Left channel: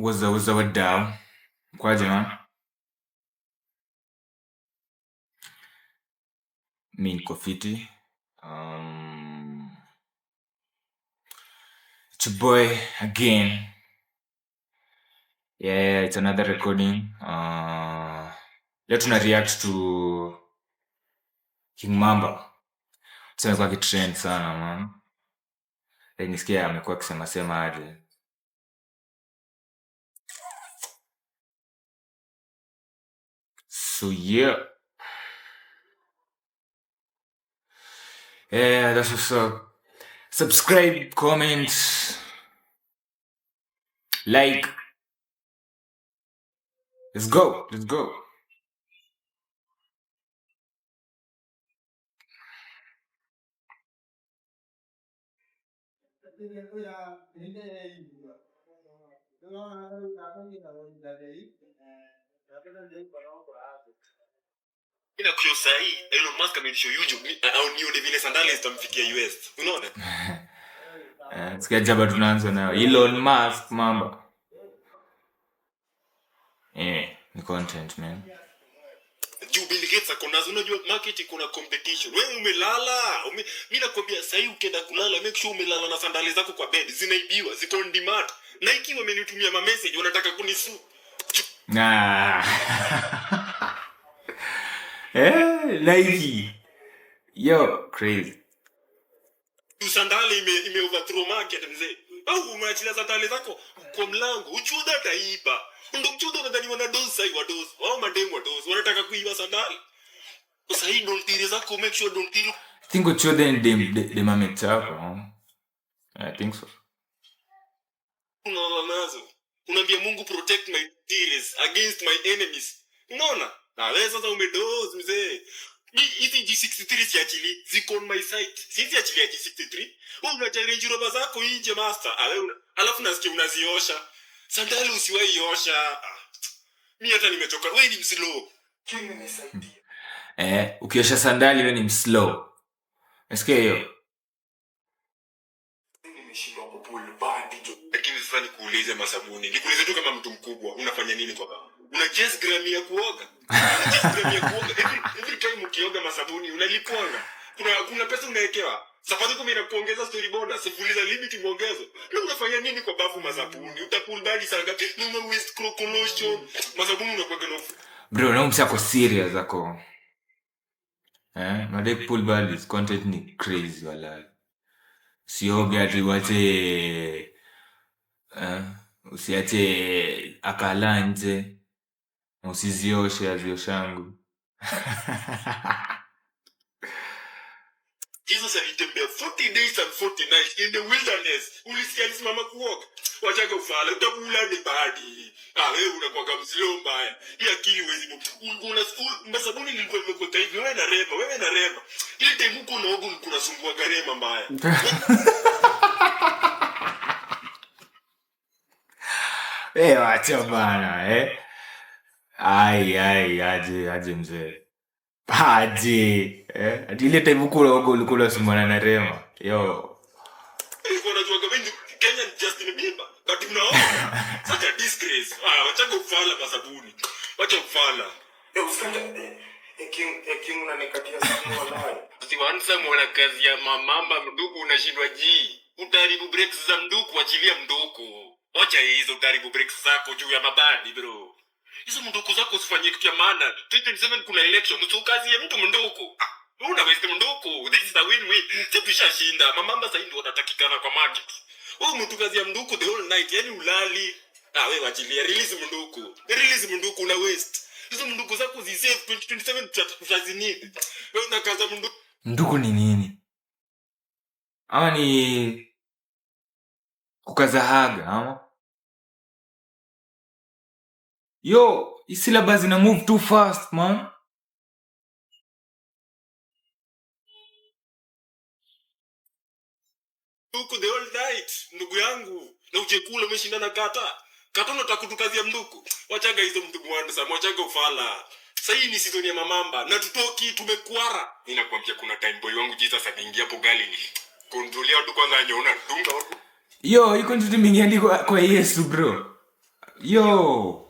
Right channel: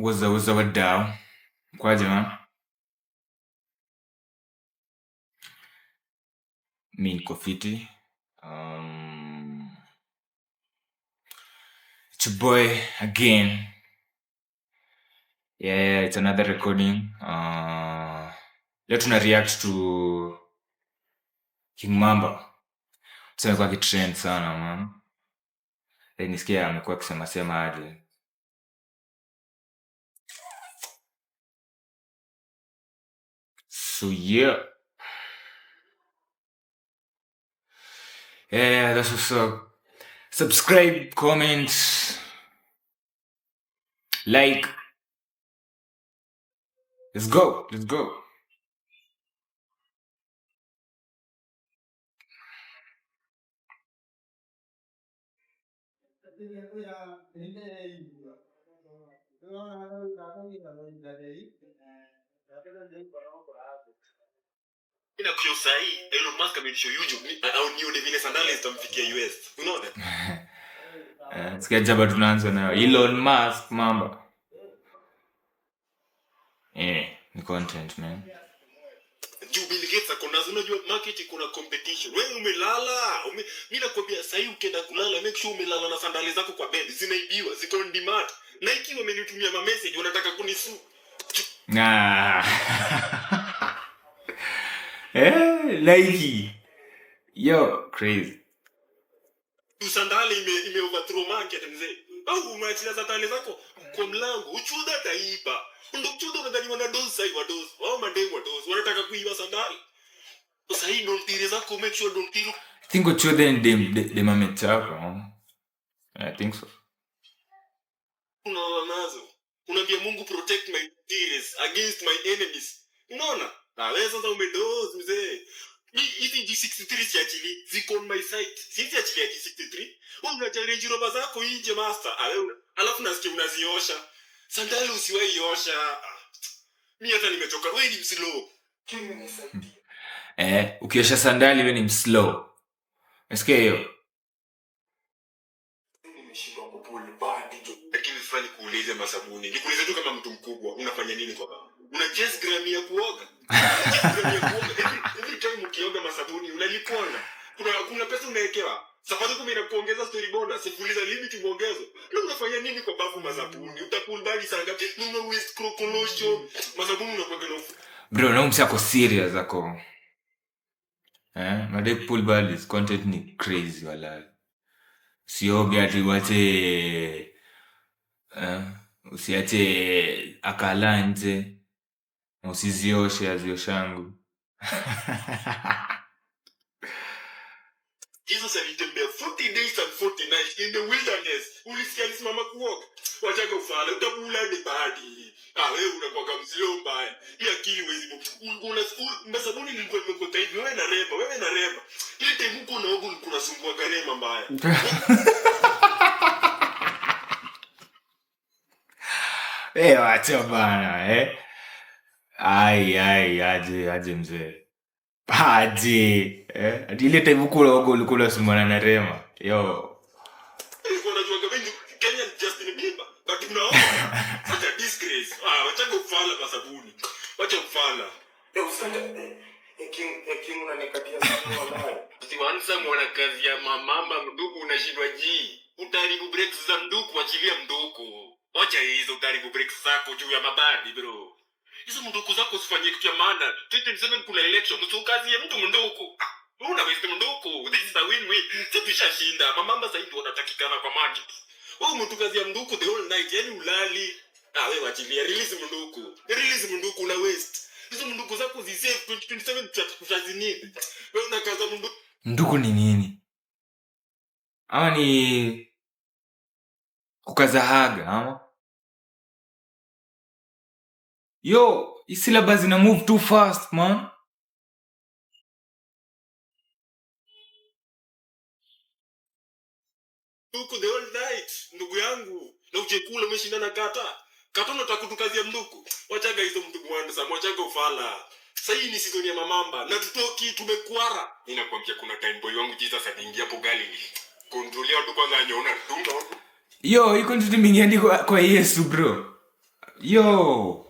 Waza wadau kwaje man? Mi niko fiti. It's your boy again. Yeah, it's another recording. Leo tuna react to King Mamba. Tuseme kwa kitrend sana man. Nisikia amekuwa akisema sema aje. So yeah. Yeah, that's what's up. Subscribe, comment, like. Let's go. Ila kwa sahi Elon Musk ameisha YouTube au nione vile sandali zitamfikia US. Unaona? Sikia jaba tunaanza nayo. Elon Musk Mamba. Ni content man. Juu Bill Gates akonazo, unajua market iko na competition. Wewe umelala. Mimi nakwambia sahi ukienda kulala make sure umelala na sandali zako kwa bed. Zinaibiwa, ziko on demand. Nike wamenitumia message wanataka kunisu. Nike. Yo, crazy. Sandali ime overthrow market mzee. Au umeachilia sandali zako kwa mlango. Uchuda taiba. Ndio chudo nadhani wana dose wa dose. Wao mademu wa dose. Wanataka kuiba sandali. Sasa hii don't tire zako make sure don't tire. I think uchuda ndi mametapa. I think so. Unawazo. Unaambia Mungu protect my deals against my enemies. Unaona? Na wewe sasa umedose mzee. Hizi G63 siachili ziko on my site. Sisi achilia G63. Wewe unachallenge roba zako nje master. Alafu nasikia unaziosha. Sandali usiwahi osha. Mimi hata nimechoka. Wewe ni mslow. Ukiosha sandali wewe ni mslow. Nasikia hiyo. Nimeshindwa kupull badi. Lakini sasa nikuulize masabuni. Nikuulize tu kama mtu mkubwa unafanya nini kwa baba? Una just gram ya kuoga. Every time ukioga masabuni unalipona. Kuna pesa unawekewa. Safari kama inakuongeza story bonus, sifuliza limit muongezo. Leo unafanya nini kwa bafu masabuni? Utapull badi sana ngapi? Nuna waste crocolotion. Masabuni unakuwa gano. Bro, na msako serious ako. Madek pull badi content ni crazy wala. Sioge ati wache usiache akala nje. Usizioshe azioshangu. Jesus alitembea 40 days and 40 nights in the wilderness. Ulisikia alisimama kuoga. Wachaga ufala, utabula ni badi. Wewe unakuwa mzilo mbaya. Hii akili huwezi una masabuni nilikuwa nimekuta hivi. Wewe na rema. Ile time uko na ogo kuna sumbua garema mbaya. Wacha bana, Ai, aje mzee. Aje. Ati ile time uko na ogo ulikuwa sumbana na rema. Yo. Unajua kama Kenya ni Justin Bieber. But unaona such a disgrace. Wacha kufala masabuni. Wacha kufala. King unanikatia sana wala. Siwanza mwana kazi ya mamamba mduku unashindwa ji. Utaribu breaks za mduku, achilia mduku. Wacha hizo utaribu breaks zako juu ya mabadi bro. Hizo mduku zako usifanyie kitu ya maana. 2027 kuna election, usukazi ya mtu mduku. Una waste mduku. This is a win-win. Sipisha shinda. Mamamba sasa ndio wanatakikana kwa market. Mtu kazi ya mduku the whole night, yani ulali. Wewe wachilia release mduku na waste. Hizo mnduku zako zisave 2027 tutazini. Wewe unakaza mnduku. Nduku ni nini? Ama ni kukaza haga ama? Yo, hii syllabus ina move too fast man. Nduku the whole night, ndugu yangu. Na ukikula umeshinda na kata. Kata unataka kutukazia mnduku. Wachaga hizo mnduku wangu, wachaga ufala. Sasa hii ni season ya mamamba na tutoki tumekuara. Ninakwambia kuna time boy wangu Jesus aliingia hapo Galilee. Control ya watu kwanza anaona dunga watu. Yo, iko ndio mingi kwa Yesu bro. Yo.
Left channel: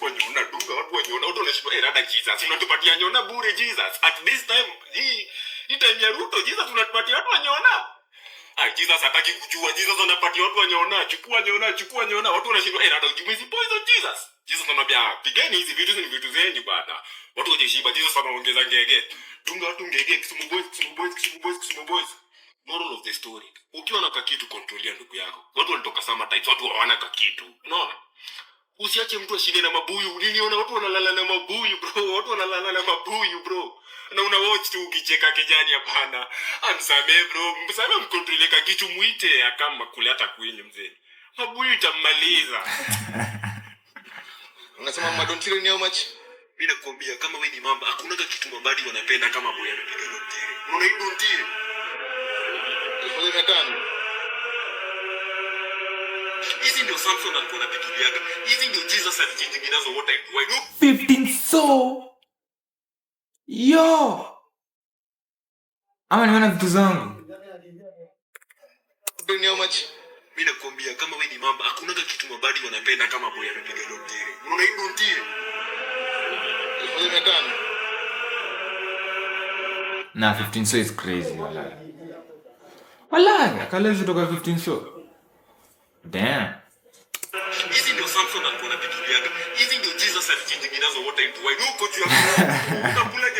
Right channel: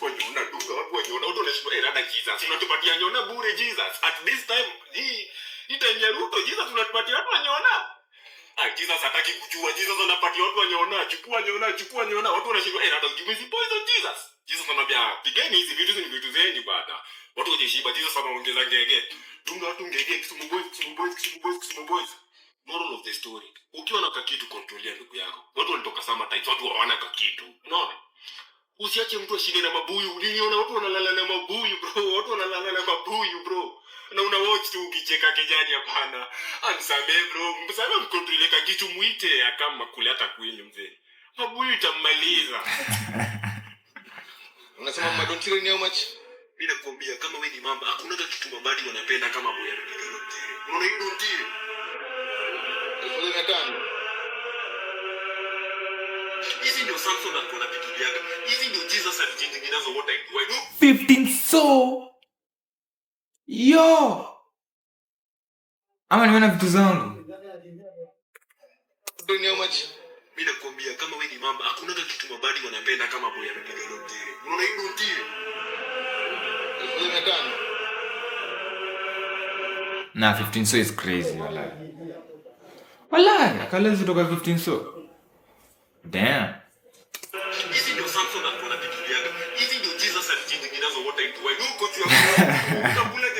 Wanyona dunga watu wanyona watu wanashindwa rada Jesus unatupatia nyona bure Jesus at this time hii time ya Ruto Jesus tunatupatia watu wanyona. Jesus hataki kujua. Jesus anapatia watu wanyona. Chukua nyona watu wanashindwa rada ujumizi poison Jesus. Jesus anambia pigeni hizi vitu ni vitu zenyu bana. Watu wajishiba Jesus anaongeza ngege. Dunga watu ngege Kisumu boys. Moral of the story. Ukiwa na kakitu control ndugu yako. Watu walitoka sama types watu hawana kakitu. Unaona? Usiache mtu ashinde na mabuyu. Niliona watu wanalala na mabuyu bro. Bro. Na una watch tu ukicheka kijani hapana. Amsame bro. Msame mkontroleka kitu muite akama kule hata kweli mzee. Mabuyu itamaliza. Unasema madontiro ni how much? Mimi nakwambia kama wewe ni mamba hakuna kitu mabadi wanapenda kama boya anapiga dontiro. Unaona hiyo dontiro? Hizi ndio Samson alikuwa anapigia. Hizi ndio Jesus alijitengeneza what I do. 15 so. Yo. Ama nimeona vitu zangu. Ndio how much? Mimi nakwambia kama wewe ni mamba hakuna kitu mabadi wanapenda kama boy anapiga dontiro. Unaona hiyo dontiro? Na 15 so is crazy Wallahi, akalezi kutoka 15 so. Damn. Hizi ndio Samson alikuwa anapigia. Hizi ndio Jesus alijitengeneza what I do. Uko tu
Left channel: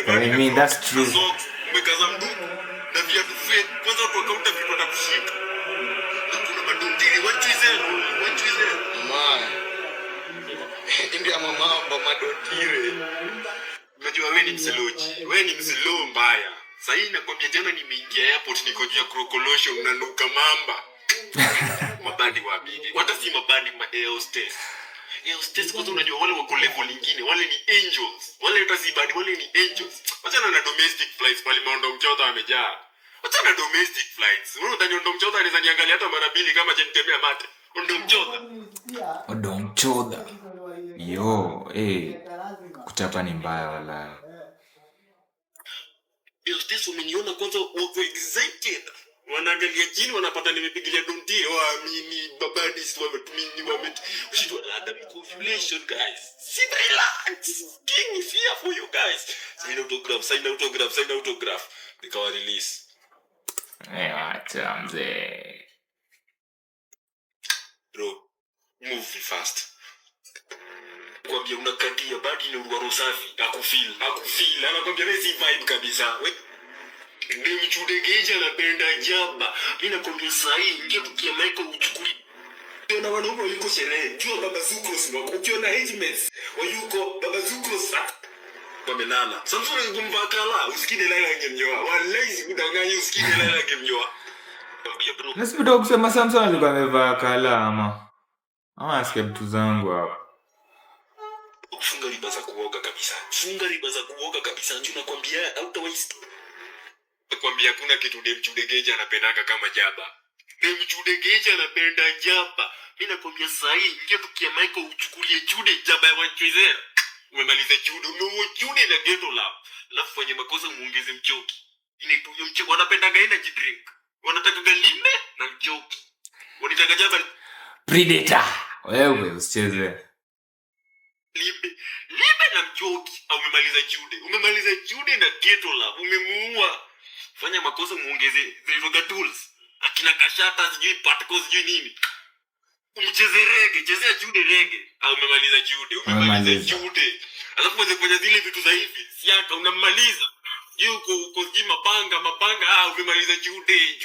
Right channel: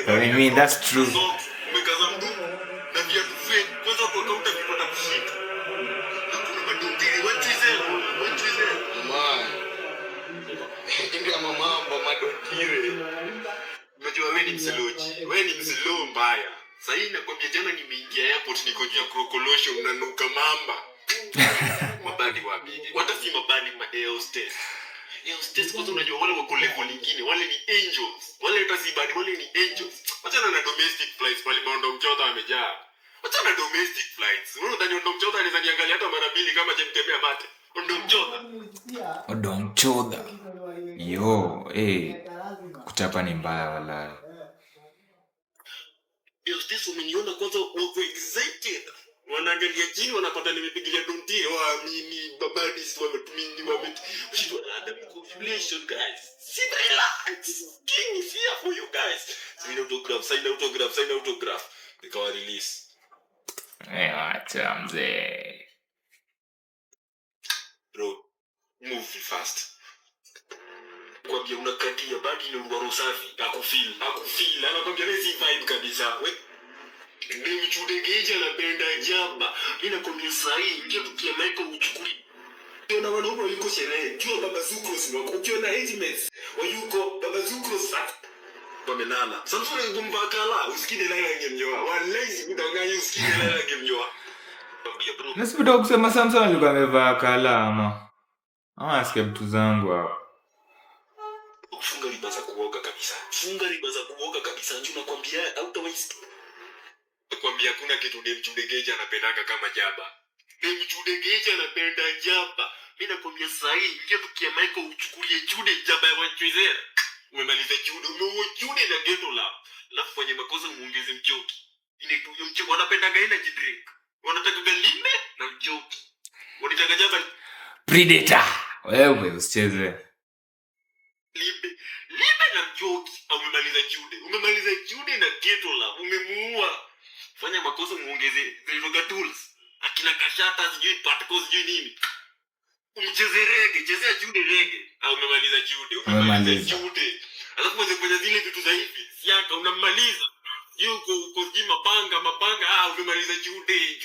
I mean that's true. Umekaza mdumu na viatu fake. Kwanza kwa kaunta vipata kushika. Na kuna madontiri wachize. Ndio mama madontiri. Unajua wewe ni msiloji. Wewe ni msilo mbaya. Sasa hii nakwambia jana nimeingia airport niko juu ya krokolosho unanuka mamba. Mabadi wabidi. Hata si mabadi ma air hostess. Air hostess kwanza unajua wale wako level nyingine, wale ni angels. Wale hata si badi, wale ni angels. Wachana na domestic flights pale Mount Mchota amejaa. Wachana na domestic flights. Wewe unadhani Mount Mchota anaweza niangalia hata mara mbili kama je nitembea mate. Mount Mchota. Yo, kuchapa ni mbaya wala. Air hostess umeniona kwanza wako excited. Wanaangalia chini wanapata nimepigilia donti waamini babadis wametumini ushitwa ada conflation guys sit relax king is here for you guys sign autograph nikawa release acha mzee bro move fast kwambia unakandia badi ni uruwa safi akufeel anakwambia hizi vibe kabisa Mimi chudegeja napenda jamba. Mimi nakwambia sahi ingia tukia Michael uchukui. Tuna wanaume yuko sherehe. Jua baba Zukros wako. Ukiona Hedgements wayuko baba Zukros wamelala. Samson ngumba kala usikide lala ngemnyoa. Wallahi kudanganya usikide lala ngemnyoa. Nasibu kusema Samson alikuwa amevaa kala ama asikia vitu zangu hapo. Funga riba za kuoga kabisa. Tunakwambia hautawaste. Nakwambia kuna kitu Demchudegeja anapendanga kama jaba. Demchudegeja anapenda jaba. Mimi nakwambia sahi ingia tukia Michael uchukulie chude jaba ya Wachwizera. Umemaliza chude, umeua chude na ghetto lab. Alafu fanye makosa muongeze mchoki. Inaitwa mchoki wanapendanga energy drink. Wanataka galime na mchoki. Wanataka jaba Predator. Wewe usicheze. Libe na mchoki. Umemaliza chude na ghetto lab. Umemuua. Fanya makosa muongeze the tools. Akina kashata sijui particles sijui nini. Umcheze rege, chezea jude rege. Umemaliza jude. Alafu uweze kufanya zile vitu za hivi. Siaka unamaliza. Yuko sijui mapanga. Umemaliza jude.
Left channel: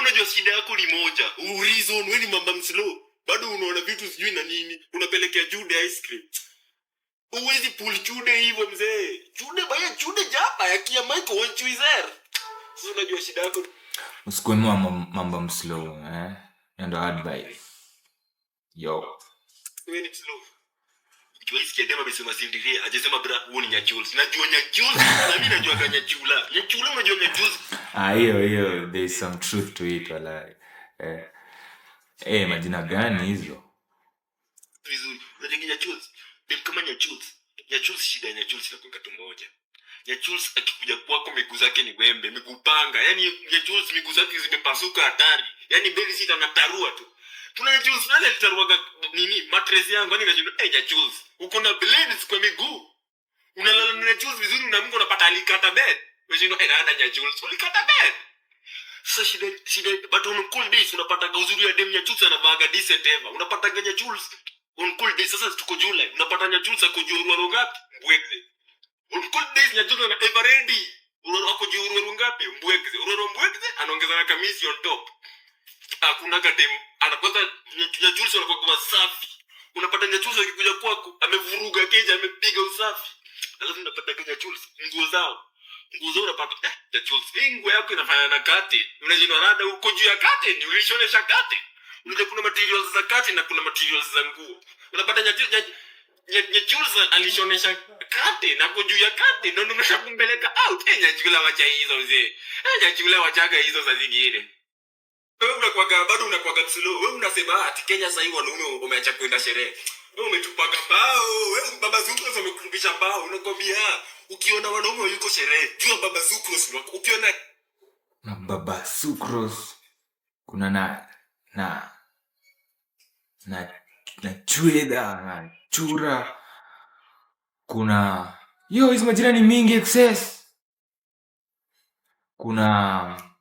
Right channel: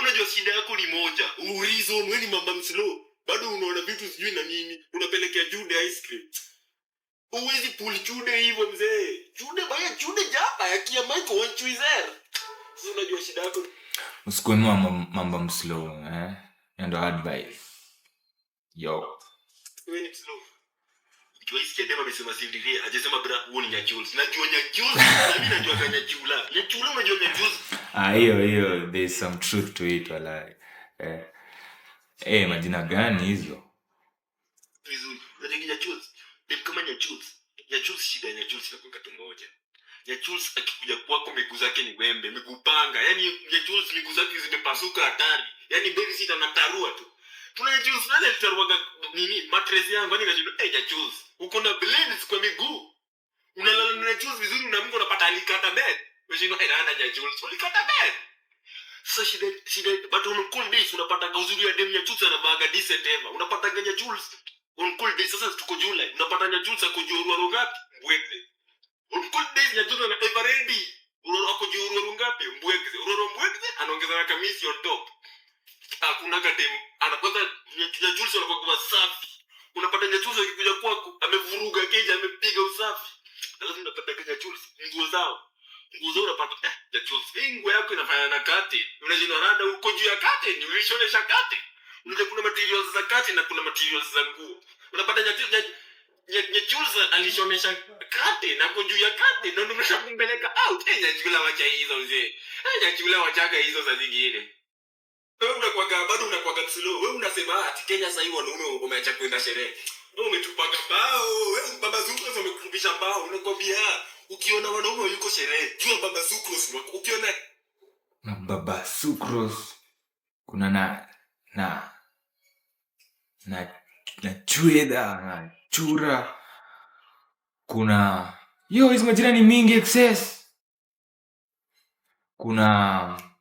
Unajua shida yako ni moja. Reason wewe ni mamba mslow. Bado unaona vitu sijui na nini. Unapelekea jude ice cream. Uwezi pull chude hivyo mzee. Chude japa ya kia Michael Wachwizera. Sasa unajua shida yako. Usikuinua mambo mslow ndo advice. Yo. Wewe ni slow. Kiwezi kiadema amesema sindirie, hajasema bra huo ni Nyachuls. Najua Nyachuls, na mimi najua Nyachula. Nyachula unajua Nyachuls. Hiyo there is some truth to it wala. Majina gani hizo? Vizuri. Unataka Nyachuls. Kama Nyachuls shida ya Nyachuls inakuwa kitu moja. Nyachuls akikuja kwako miguu zake ni wembe, miguu panga. Yaani Nyachuls miguu zake zimepasuka hatari. Yaani beli sita na tarua tu. Kuna Jules nani alitarwaga nini mattress yangu hadi nikashinda Jules uko na blades kwa miguu unalala na Jules vizuri na Mungu unapata alikata bed unashinda nani Jules ulikata bed. Sasa shida but on cool days unapata uzuri ya dem ya Jules anabaga decent ever unapata ganya Jules on cool days. Sasa tuko July unapata nya Jules akojua ngapi mbweke on cool days nya Jules na ever ready akojua ngapi mbweke anaongeza na kamisi on top. Hakuna kadem anapata nya Jules anakuwa safi unapata nya Jules akikuja kwako amevuruga keja amepiga usafi alafu unapata nya Jules nguo zao unapata nya Jules nguo yako inafanya na kati unajua rada uko juu ya kati ni ulishonesha kati unajua kuna materials za kati na kuna materials za nguo unapata nya Jules alishonesha kati na uko juu ya kati ndio unashakumbeleka out nya Jules wacha hizo mzee nya Jules wachaga hizo za zingine. Wewe unakuwaga bado unakuwaga slow. Wewe unasema ati Kenya sasa hivi wanaume wameacha kwenda sherehe. Wewe umetupaga bao. Wewe baba Zucros amekurudisha bao. Unakwambia ukiona wanaume yuko sherehe, jua baba Zucros ukiona na baba Zucros kuna na chweda na chura kuna hizo majirani mingi excess kuna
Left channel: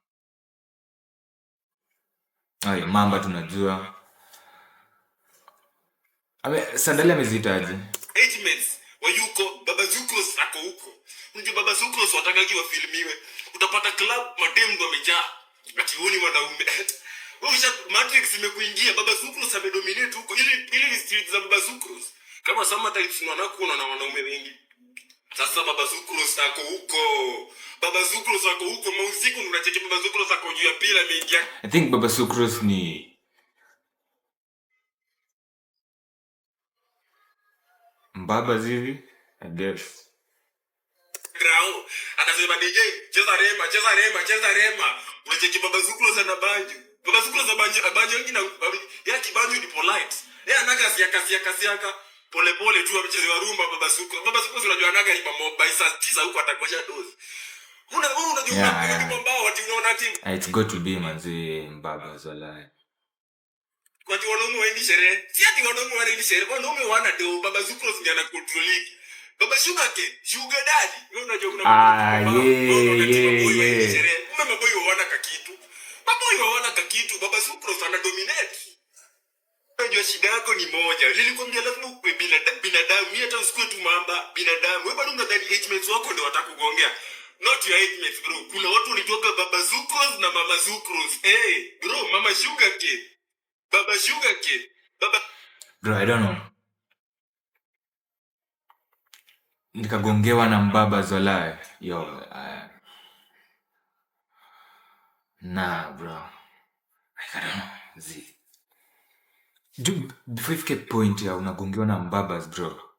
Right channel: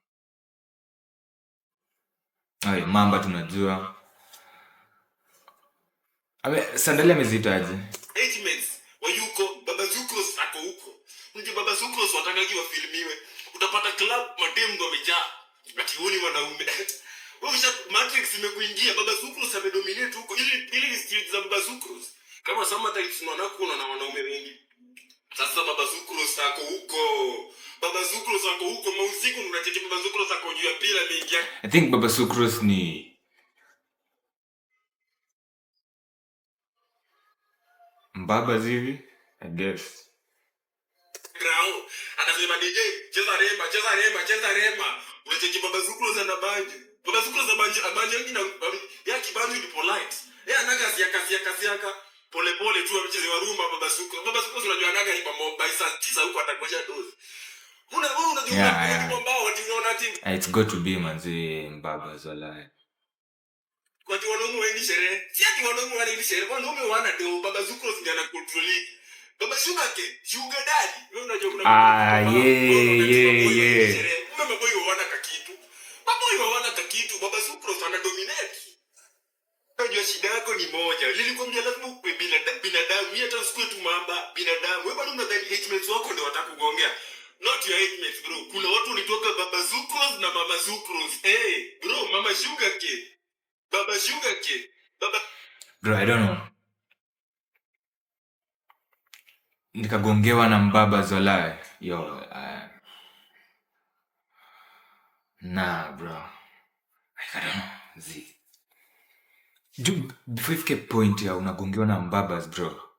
mamba tunajua. Sandali amezitaje? Agents wayuko baba Zucros ako huko. Ndio baba Zucros watakaji wafilmiwe. Utapata club madem ndo wamejaa. Ati huoni wanaume. Wewe Matrix imekuingia baba Zucros amedominate huko. Ili street za baba Zucros. Kama Summertime tunaona kuna na wanaume wengi. Sasa baba Zucros ako huko. Baba Zucros ako huko mausiku unacheki baba Zucros ako juu ya pila mengia. I think baba Zucros ni mbaba zivi I guess. Grau anasema DJ cheza rema. Unacheki baba Zucros ana banjo. Baba Zucros ana banjo nyingi na ya kibanjo ni polite. Yeye anaga siaka pole tu amecheze wa rumba baba Zucros. Baba Zucros unajua anaga ni mobile saa 9 huko atakosha dozi. It's got to be manzi mbaba zolai. Kwa tu wanaume waendi sherehe. Si ati wanaume waendi sherehe. Wanaume wana do baba Zucros ndiye ana control. Baba Sugar Daddy. Wewe unajua kuna yeah. Kuna maboy wana kakitu. Maboy wana kakitu. Baba Zucros ana dominate. Unajua shida yako ni moja. Nilikwambia lazima uwe binadamu. Mimi hata usikue tu mamba binadamu. Wewe bado unadhani agents wako ndio watakugongea. Not your agents bro. Kuna watu walitoka baba Zucros na mama Zucros. Bro, mama Sugar Kid. Baba Sugar Kid. Bro, I don't know. Nikagongewa na mbaba zolai. Yo, nah bro. I don't know. Before you get point ya unagongewa na mbabas bro.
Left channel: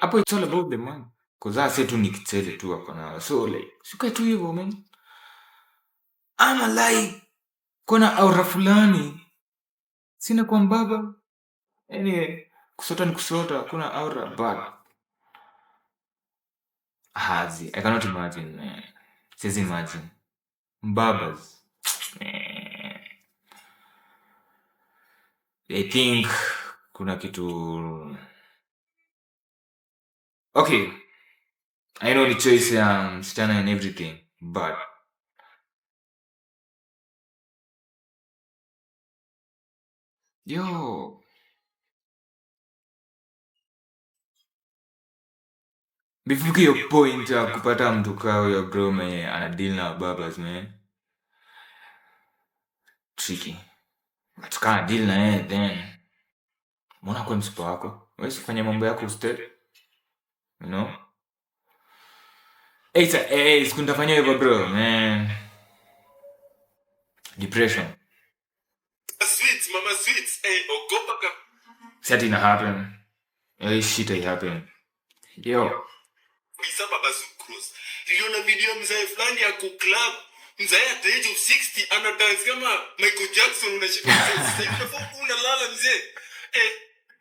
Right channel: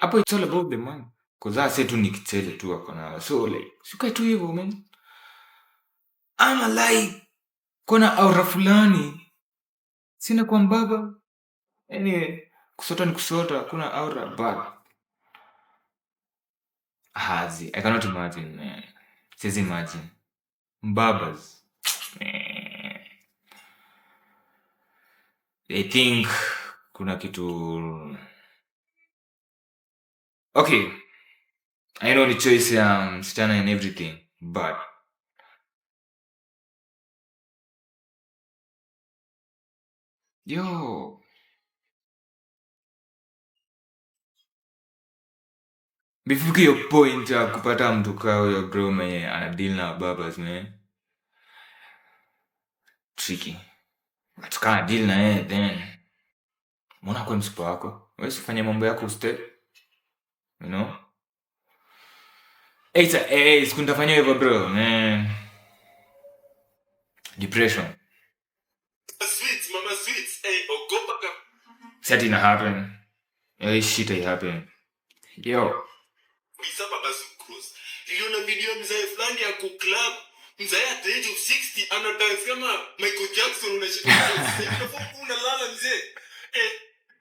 Hapo it's all about the man. Cause say tu nikichele tu wako na. So like, sikae tu hivyo man. Ama like kuna aura fulani. Sina kwa mbaba. Anyway, kusota ni kusota, kuna aura but I cannot imagine, man. Siwezi imagine. Mbabas. I think kuna kitu. Okay. I know ni choice ya msichana and everything, but yo, before your point ya kupata mtu kao ya bro mwenye anadeal na babas man, tricky. But kama deal na yeye then mbona kwa msipa wako? Wewe usifanye mambo yako ustep. You know? Sikutafanya hivyo bro, man. Depression. Sweet, mama sweet. Ogopa ka. That didn't happen. Shit ain't happen. Yo. Bisa baba Zucros. Niliona video mzee fulani ya club. Mzee at the age of 60 ana dance kama Michael Jackson unashika. Unalala mzee.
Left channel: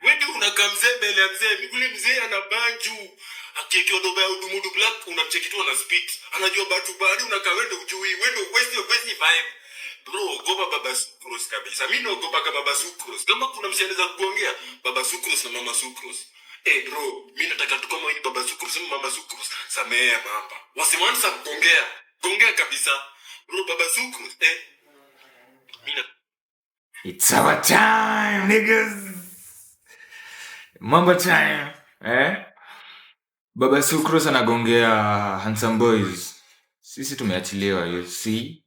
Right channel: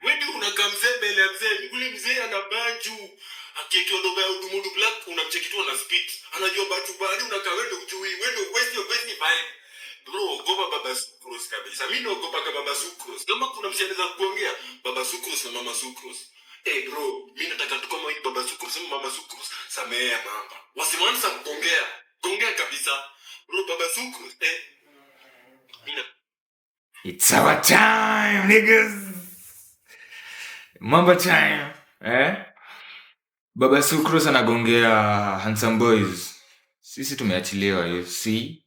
Wewe unakaa mzee mbele ya mzee. Yule mzee ana banju. Akikiwa doba ya udumudu black unamchekitua na spit. Anajua batu bali unakaa wewe ujui. Wewe waste your vibe. Bro, ogopa Baba Sucrose kabisa. Mimi naogopa Baba Sucrose. Kama kuna msanii anaweza kuongea Baba Sucrose na Mama Sucrose. Bro, mimi nataka tu kama hii Baba Sucrose na Mama Sucrose. Samea mamba. Wasimanza kuongea. Kuongea kabisa. Bro, Baba Sucrose. It's our time, niggas. Mamba time. Baba Sucrose anagongea Handsome Boys. Sisi tumeachiliwa hiyo, si?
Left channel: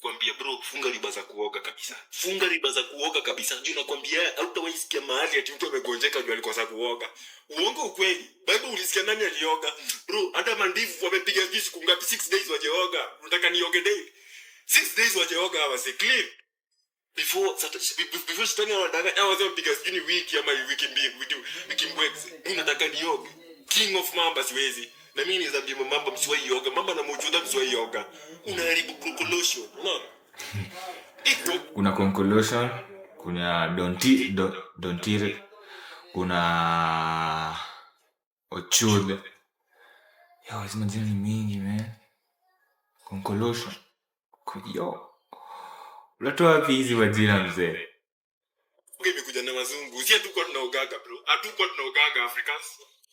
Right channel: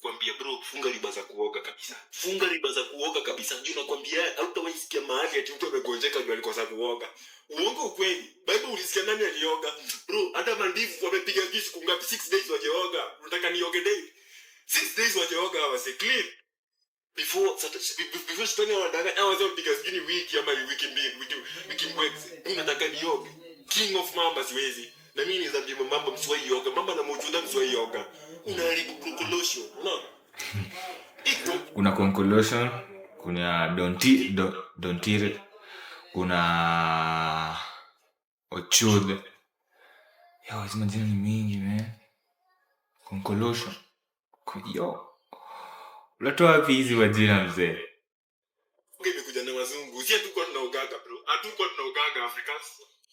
Kwambia bro, funga riba za kuoga kabisa. Funga riba za kuoga kabisa. Ndio nakwambia hautawaisikia mahali ati mtu amegonjeka ndio alikosa kuoga. Uongo ukweli. Bible ulisikia nani alioga? Bro, hata mandivu wamepiga juice kungapi 6 days wajeoga. Unataka nioge day? 6 days wajeoga hawase clean. Before Saturday wanataka wapiga sijui wiki ama wiki mbili, wiki mwezi. Unataka nioge. King of Mamba siwezi. Na mimi ni zabi Mamba msiwahi yoga. Mamba na Mojuda msiwahi yoga. Unaharibu conclusion. No. Kuna conclusion, kuna Dontire, kuna Ochude. Yo, hizo majina ni mingi, man. Conclusion. Yo. Unatoa wapi hizi majina mzee? Mimi kuja na wazungu. Si hatuko tunaogaga bro. Hatuko tunaogaga Africans.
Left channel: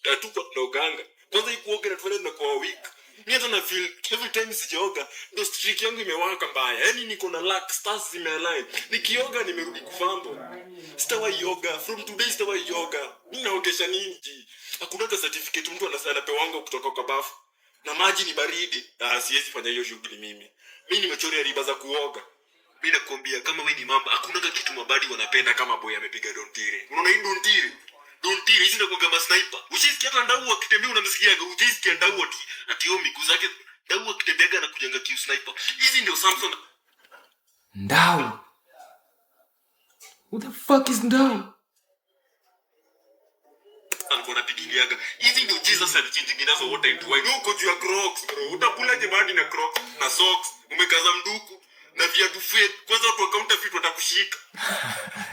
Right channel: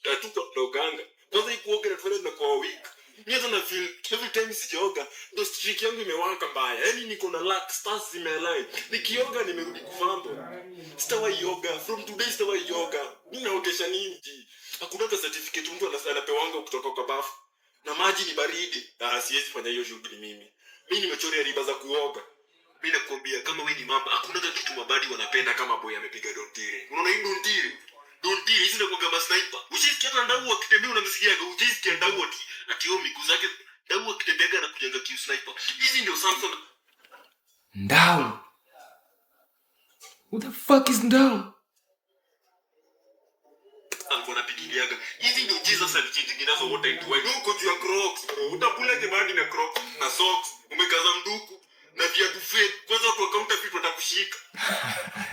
Hatuko tunaogaga. Kwanza ikuoga na tuone kwa week. Mimi hata na feel every time sijaoga ndo streak yangu imewaka mbaya. Yaani niko na luck stars in my life. Nikioga nimerudi kufambo. Sitawahi yoga. From today sitawahi yoga. Mimi naogesha nini? Hakuna certificate mtu anapewanga kutoka kwa bafu. Na maji ni baridi. Siwezi fanya hiyo shughuli mimi. Mimi nimechorea riba za kuoga. Mimi nakwambia kama wewe ni mamba, hakuna kitu mabadi wanapenda kama boy amepiga Dontire. Unaona hii Dontire? Dontire hizi ndio kwa sniper. Usisikia hata ndau akitembea unamsikia, usisikia ndau ati yo miguu zake ndau akitembea na kujanga kiu sniper. Hizi ndio Samson. Ndau. Who the fuck is Ndau? Alikuwa anapigiliaga. Hizi ndio Jesus alichinji ginazo wote into wine. Uko juu ya Crocs, bro. Utakula jemani na Crocs na socks. Umekaza mduku. Na viatu fake kwanza watu akaunta vitu watakushika.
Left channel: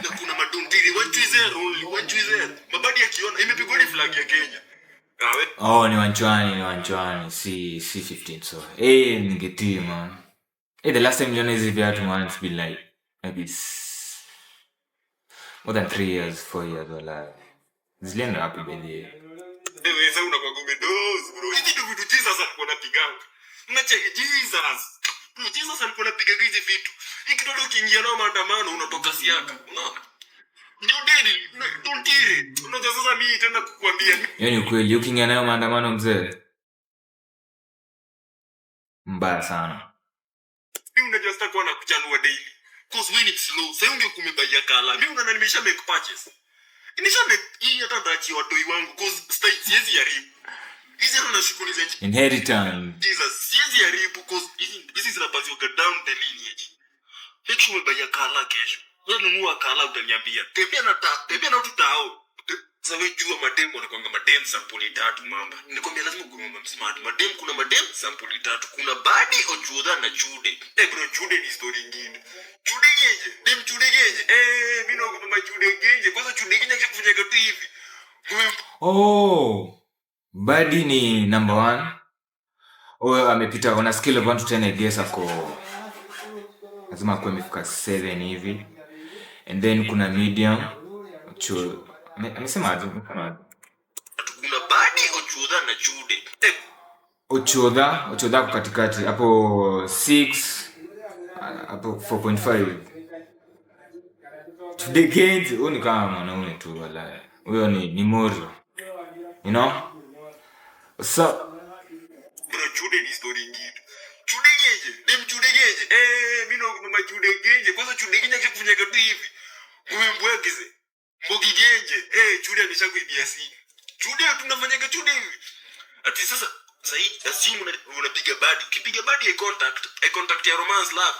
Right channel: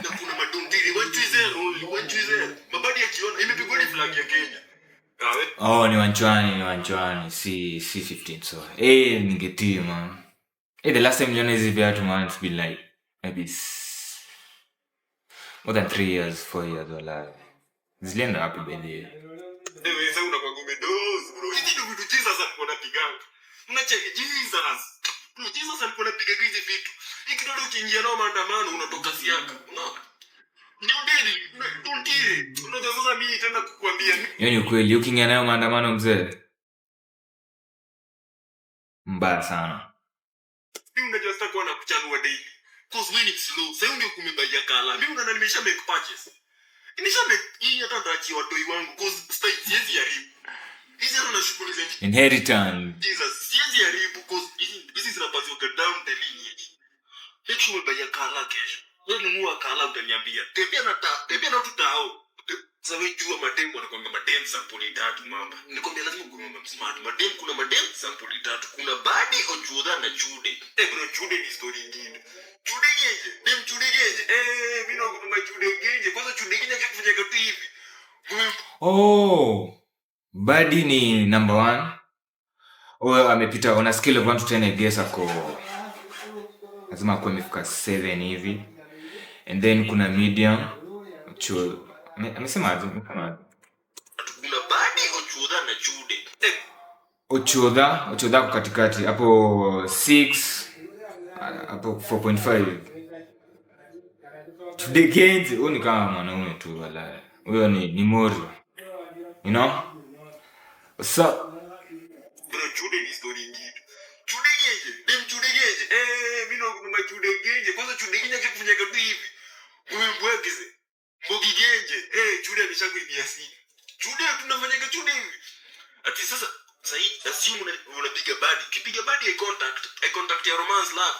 Na kuna madontiri 120 mabadi akiona imepigwa ni flag ya Kenya. Ni wanchwani si 15 so. Ningetii man. The last time niliona hizi viatu man, it's been like maybe more than 3 years, 4 years wala. Zilienda wapi bedhi? Sasa unakuwa gomedoz bro. Hizi ndio vitu Jesus alikuwa anapiganga. Unacheki Jesus. Jesus alikuwa anapiga hizi vitu. Hiki ndio ukiingia nao maandamano unatoka siaka. Unaona? Ndio Dontire. Unajua sasa mimi tena kukuambia. Yaani ukweli ukiingia nayo maandamano mzee. Mbaya sana. Mimi unajua sasa kwa nakuchanua daily. Cause when it's slow, sasa unge kumebaia kala. Mimi unaona nimesha make purchase. Nimesha make hii hata ndachi watoi wangu cause style siwezi haribu. Hizi ndo shughuli za inheritance. Jesus, siwezi haribu cause hizi zinapaswa go down the lineage. Make sure umebaya kala kesho. Wewe nunua kala utaniambia. Tembea na tutao. Sasa wewe jua madem wanakuanga madem sample tatu mamba. Nikwambia lazima kuwe smart. Madem kuna madem sample tatu. Kuna badi Ojuda na Chude. Bro, Chude ni story nyingine. Chude geje. Dem Chude geje. Mimi naogopa Chude geje. Kwanza Chude geje kufanya kitu hivi. Badi ni number 1. Amepita on a scale of 1 to 10 I guess ako lazima akuwe amefika 7 hivi. And then kuna medium. Amesema aje? Kuna badi Ojuda na Chude. Ojuda kwa katikati hapo 6 hapo 4.5. Chude geje ni kama mwanaume tu wala. Huyo ni Morio. You know? What's up? Bro, Chude ni story nyingine. Chude geje. Dem Chude geje. Mimi naogopa Chude geje. Kwanza Chude geje kufanya kitu hivi. Mbwegize. Mbogi geje. Chude ameshakuibia si. Chude tunafanya Chude hivi. Ati sasa simu unapiga badi. Kipiga badi eye contact ya romance love.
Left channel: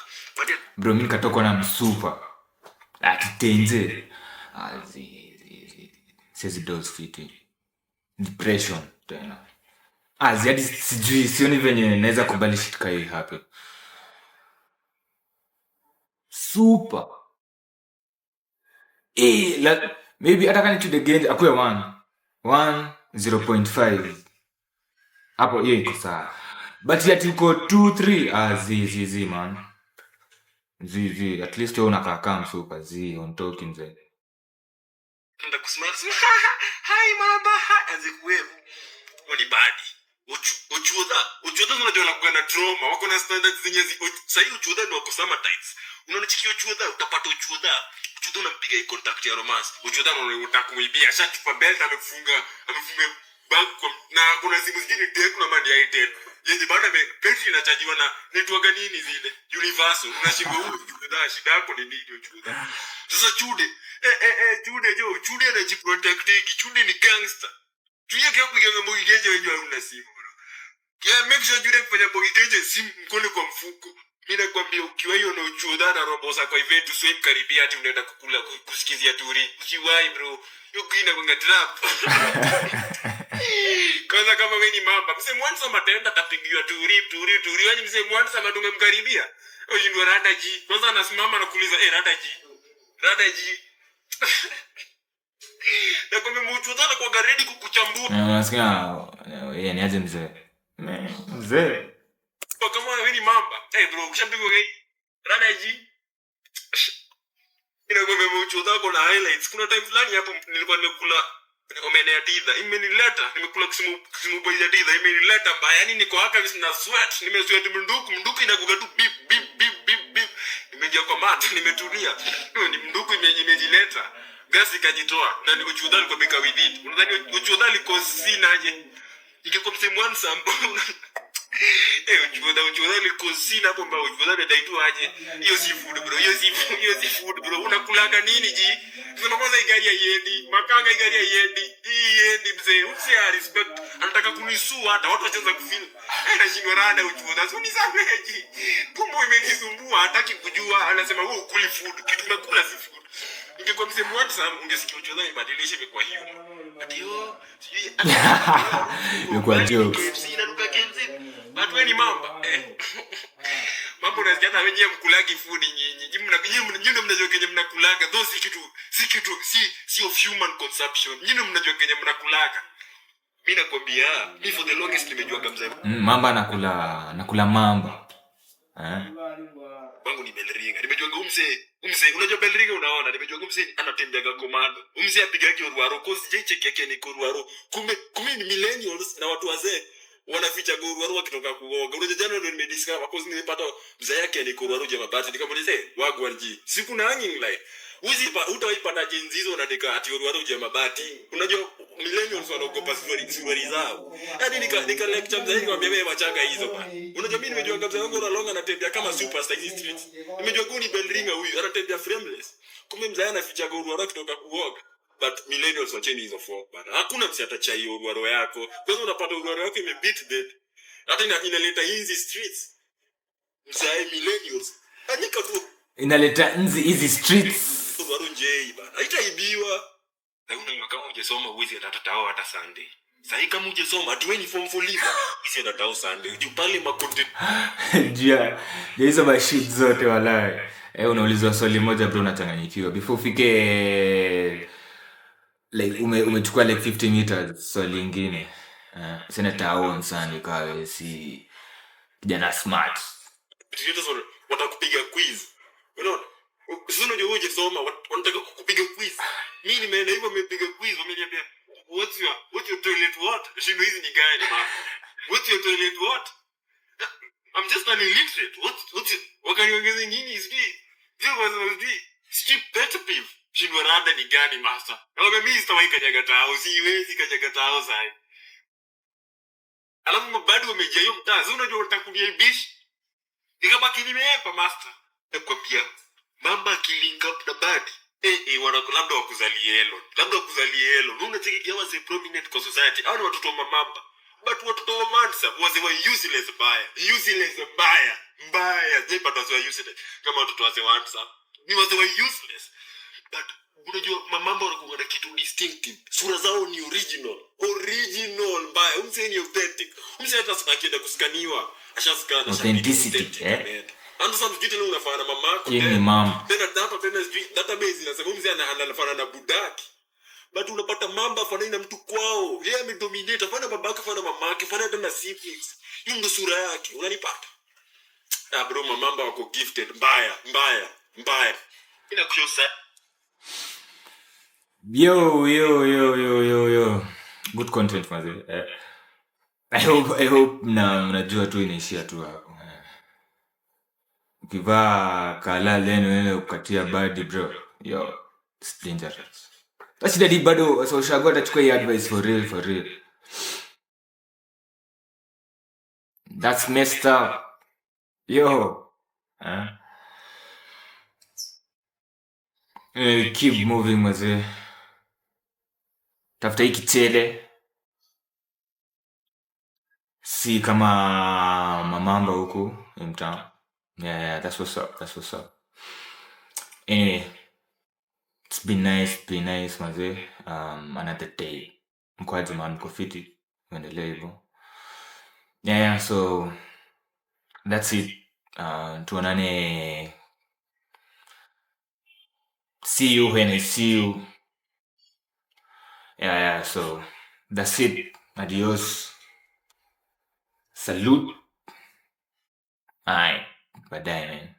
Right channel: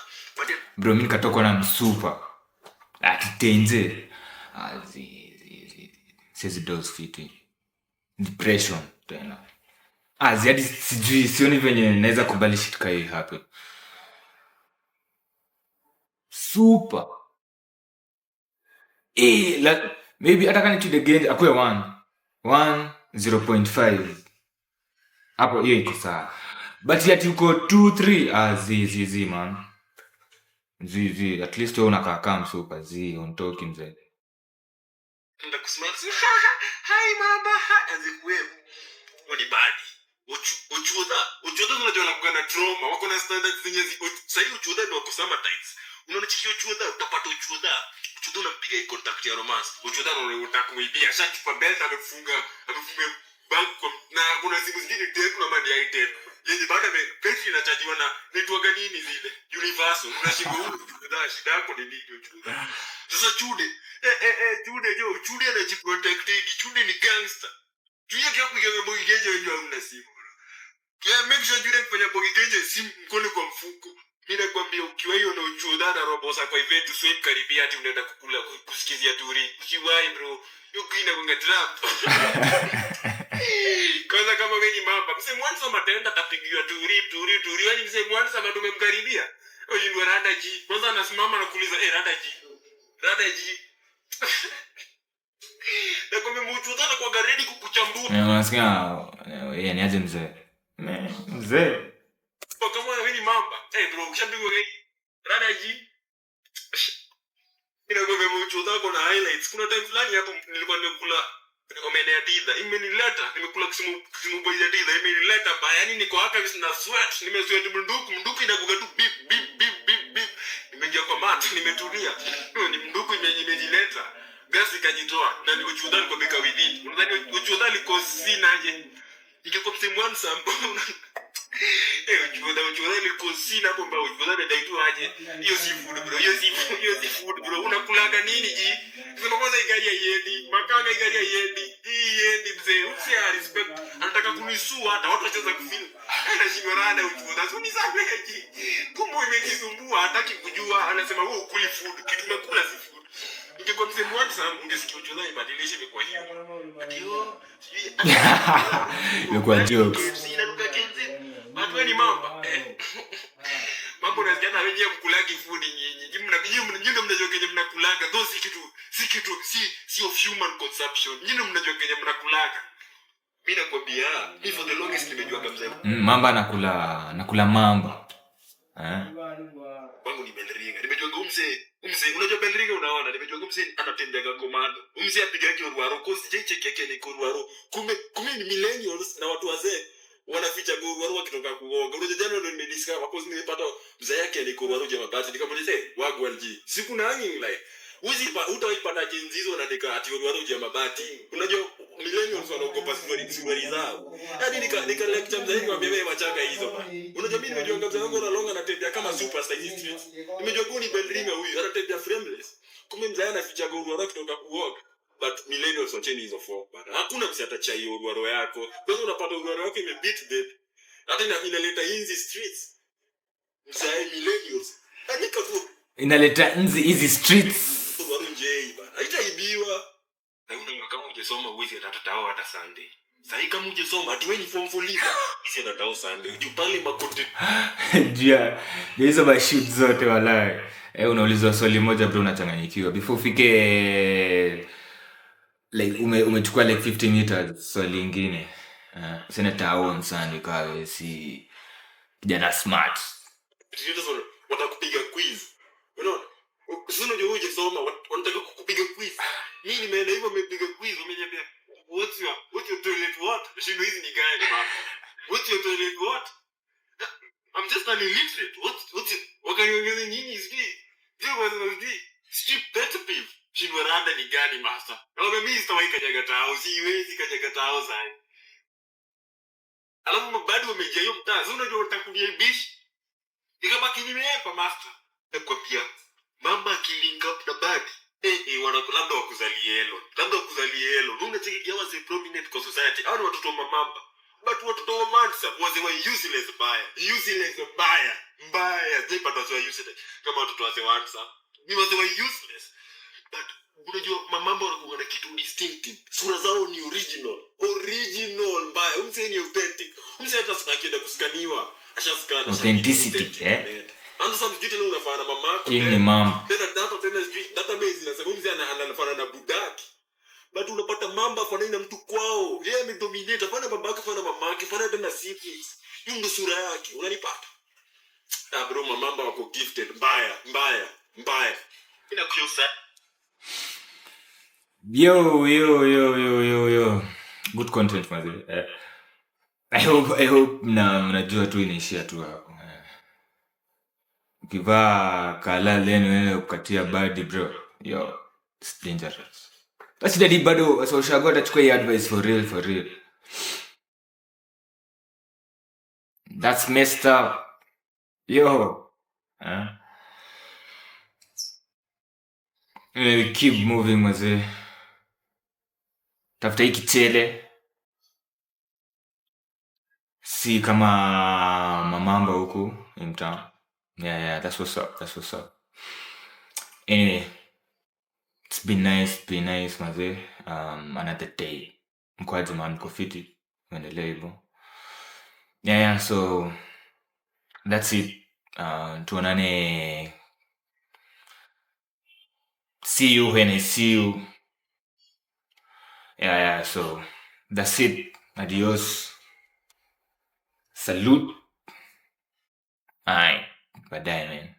Bro, mimi nikatoka na msupa. Ati tenze. Says those fitting. Depression tena. Hadi sijui sioni venye naweza kubali shit kai hii happen. Super. Maybe hata kani Chude geje akuwe 1 0.5. Hapo hiyo iko sawa. But yet uko 2 3 zizi man. Zi at least wewe unakaa kama msupa zi on talking mzee. Nenda kusimama. Hi mama. Azikuwe. Oni badi. Uchuda unajua anakuwa na trauma. Wako na standards zenye sasa hiyo uchuda ndio wako summer times. Unaona chikio uchuda utapata uchuda unampiga hii contact ya romance. Uchuda unataka kumuibia shatupa belt amefunga bank na kuna simu zingine tena kuna mali ya item. Yeye baada ya betri inachajiwa na network nini zile universal unashika huko uchuda shida yako ni nini uchuda. Sasa chude anajiprotect. Chude ni gangster. Tuya kia kupiga mbogi genje wenye hauna simu. Yeah, make sure you kufanya mbogi genje simu mkono kwa mfuko. Mimi nakwambia ukiwa hiyo na uchuda na robo za kwa event swipe karibia ati unaenda kukula kusikizia turi. Usiwai bro. Yuko ina kunga trap. Kwanza kama wewe ni mamba, mse mwanzo matenda tapigiwa turi. Yaani mse mwanzo tumemkaribia. Ojindwa rada ji. Kwanza anasimama na kuuliza rada ji. Na kwa mchuda kwa garedi kukuchambua. Unasikia yeye ni aje mzee? Mzee. Kwa kama wewe ni mamba. Bro, ukishapigwa gari. Rada ji. Ina kwa mchuda kuna highlights. Kuna time fulani hapo nilikuwa nimekula omena ya titha. Imenileta, nimekula kisimu boy ya titha. Imenileta baya. Yaani niko hapa na sweat. Nimesweat mnduku inakuga tu bip. Nimeingia kwa mat, nimetulia. Ni mnduku imejileta. Gasi kajitoa na niko chuda niko beka within. Unadhani uchuda liko sinaje? Ingekuwa msemo wansa mbona? Uchuda liko sina hapo mbao uchuda ndio aje. Hiyo si food bro. Hiyo si food bro. Unakulaga nini ji? Sema kwanza igari ya yedi. Makanga igari ya yedi. Yedi mzee. Usi respect. Anataka kunisua hata watu wacheza kufeel. Anashindwa rada uchuda. Sio ni sameji. Kumbe imejisumbua hataki kujua. Anasema wewe ukuli food. Kitu tunakula si food. Ingekuwa msemo wansa ungesikia uchuda ibadilishe imekuwa hiyo. Ndio. Imekuwa jokes. Watu ni mamba. Mambo na jana wenyewe mkulagi food nyinyi. Nyinyi mnajua kenye mnakulaga. Those si of human consumption. Nyinyi mnajua kenye mnakulaga. Mimi nakwambia, mimi for the longest nimejua kabisa. Mamba nakula mamba. Wangu ni Belringa. Nimejua umse unajua Belringa unaona. Nimejua umse anatembea komando. Umse apiga kiruaro kosi cheche yake ni kiruaro. Kume ni millennials na watu wazee. Wanaficha goru wakitoka kuoga. Unajua jana ndio nimediscover cause nilipata mzee yake ni goru jamaa bati nikamuuliza wagu walji. Siku na hanging like. Utaipata jinsi hizo na ati goru jamaa bati. Unajua millennials wanaogopa story zao. Hadi nika lecture mzee wangu ambaye machanga hizo bana. Unajua mimi nimejua kabisa wangu na longa anatembea kama superstar hizi streets. Nimejua guni Belringa huyu anatembea frameless. Kumbe mzee anaficha goru wakitoka kuoga. But millennials wacheni hizo folk bana. Hakuna msi atacha hiyo uruaro yako. Kwanza unapata uruaro yako imebeat dead. Hata inaleta hizi streets. Mzee millennials. Andika tu. Inaleta hizi streets. Uruaro njei bana. Haitaibiwa. Na una kama hujasoma uwezi atatao hata Sunday. Sasa kama hujasoma atueni form for leave. Sisi atatao Sunday. Jupale makonte. Jia. Hizo mashoot zote walai. Unaulizwa swali moja bro unachanganyikiwa. Before ufike like umechukua like 50 meters swali lingine senator on sana kawe si kijana smart sio watakupiga quiz unaona sio ndio wewe soma wanataka kukupiga quiz mimi nimeenda hivyo nimepiga quiz wameniambia what's your toilet what shimo hizi ni gani mama what's your toilet what I'm just an illiterate what's wakaniongeza nini hivi Steve pet peeve shimo rada ni gani master na mimi sitawahi kanyaga tao siwezi kanyaga tao sana alafu bado wamejia hiyo mtaa sio unajua utakunia bish ikabaki nimeepa master nakwambia mama killing up na badi labda wakuzalie helo unacheki hawa si prominent kwa society au watoto wa mamba but watoto wa mansa wazi wa useless mbaya zipa watu wa useless kama watoto wa mansa ni wazi wa useless but unajua mambo wanakuwa na kitu distinctive sura zao ni original mbaya ni authentic hata sinakienda kuskaniwa ashaskana authenticity ando sana kitu leo unafanya mama yako ni mama tena database inasema anafanya na budaki but unapata mamba fanaina mtu kwao yeye amedominate fana babake fana mamake fana hata na siblings hiyo ndio sura yake unanipata Bro, mamamba wako gifted mbaya. Inakushusa. Yo. Good content maze. I hope mnajua tu inaishia tu hapo. Ukivaa kala leno nene kukatia badi bro. Yo, it's dangerous. Basi daddy bado so ushago atachukua hii advice for real. That's messed up. Yo. We keep moving maze. Tafuta hii kichele. Si kama mamamba huku in town. Yeah, that's what's up. Anyway, it's been nice maze. Another day. Mkwaji man, mko fiti. Muendelee hivyo. Yeah, so that's it. Tuonane. See you when I see you. Yeah, so that's it. Adios. Salute. Aye. Baadaye man.